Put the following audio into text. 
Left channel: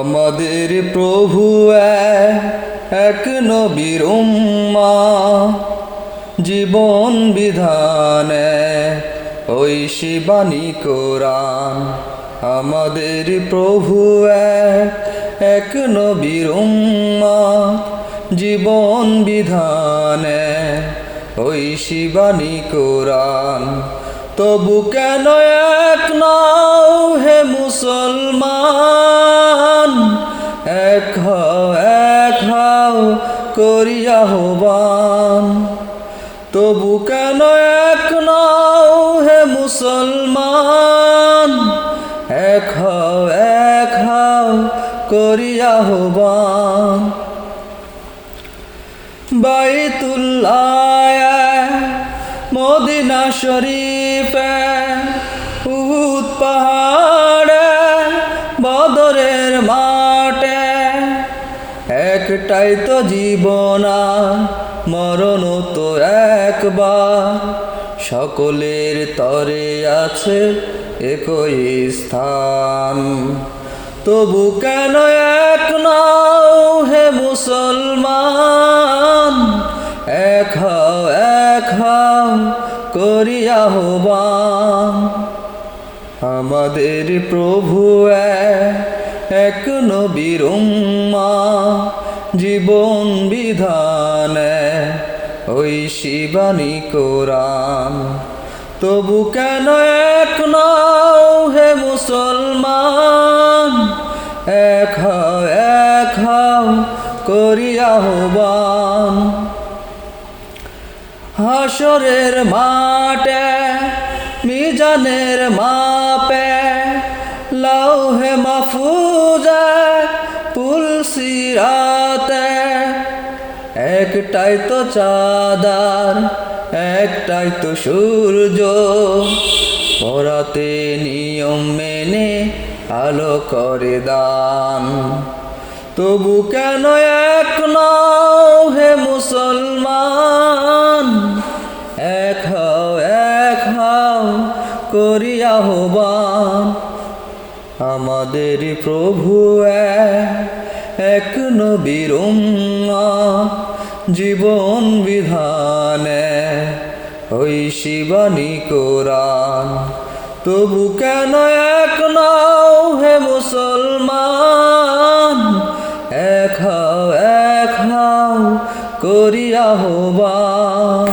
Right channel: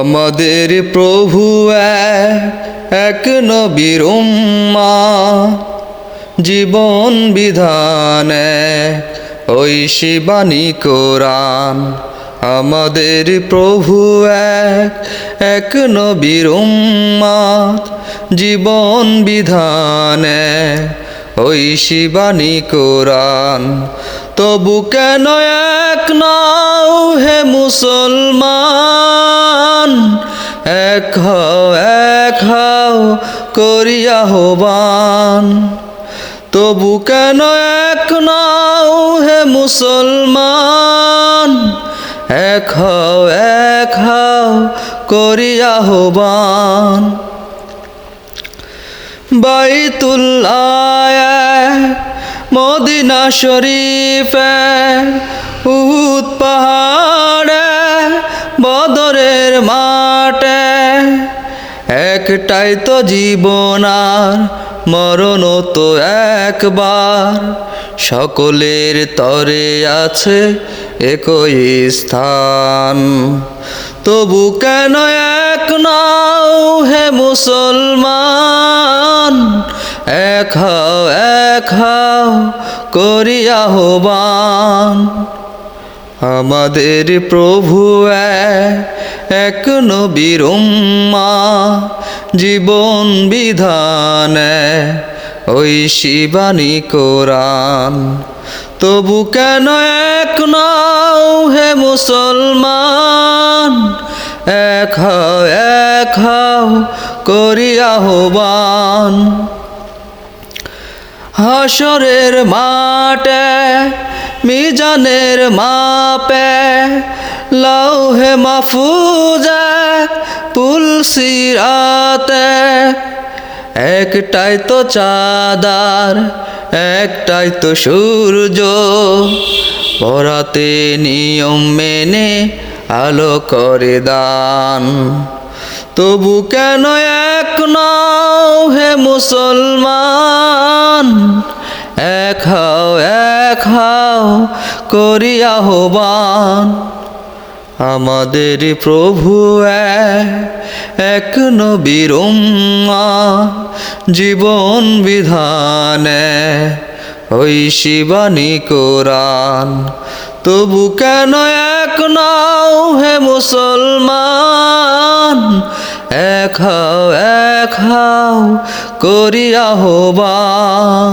আমাদের প্রভু এক নবীর উম্মাহ, জীবন বিধান ঐশী বাণী কোরআন। আমাদের প্রভু এক নবীর উম্মাহ, জীবন বিধান ঐশী বাণী কোরআন। তবু কেন এক নাও হে মুসলমান, এক হও করিয়া আহ্বান। তবু কেন এক নাও হে মুসলমান, এক হও করিয়া আহ্বান। বাইতুল্লাহ মদিনা শরীফে উহুদ পাহাড়ে বদরের মাঠে, একটাই তো জীবন আর মরণ তো একবার। সকলের তরে আছে একই স্থান। তবু কেন এক নাও হে মুসলমান, এক হও করিয়া আহ্বান। আমাদের প্রভু এক নবীর উম্মাহ, জীবন বিধান ঐশী বাণী কোরআন। তবু কেন এক নাও হে মুসলমান, এক হও করিয়া আহ্বান। হাসরের মাঠে মিজানের মাপে লৌহে মাহফুজে পুলসিরাতে, একটাই তো চাঁদার একটাই তো সূর্য, পরাতে নিয়ম মেনে আলো করে দান। তবু কেন এক নাও হে মুসলমান, এক হও করিয়া আহ্বান। আমাদের প্রভু এক নবীর উম্মাহ, জীবন বিধান ঐশী বাণী কোরআন। তবু কেন এক নাও হে মুসলমান, এক হও করিয়া আহ্বান।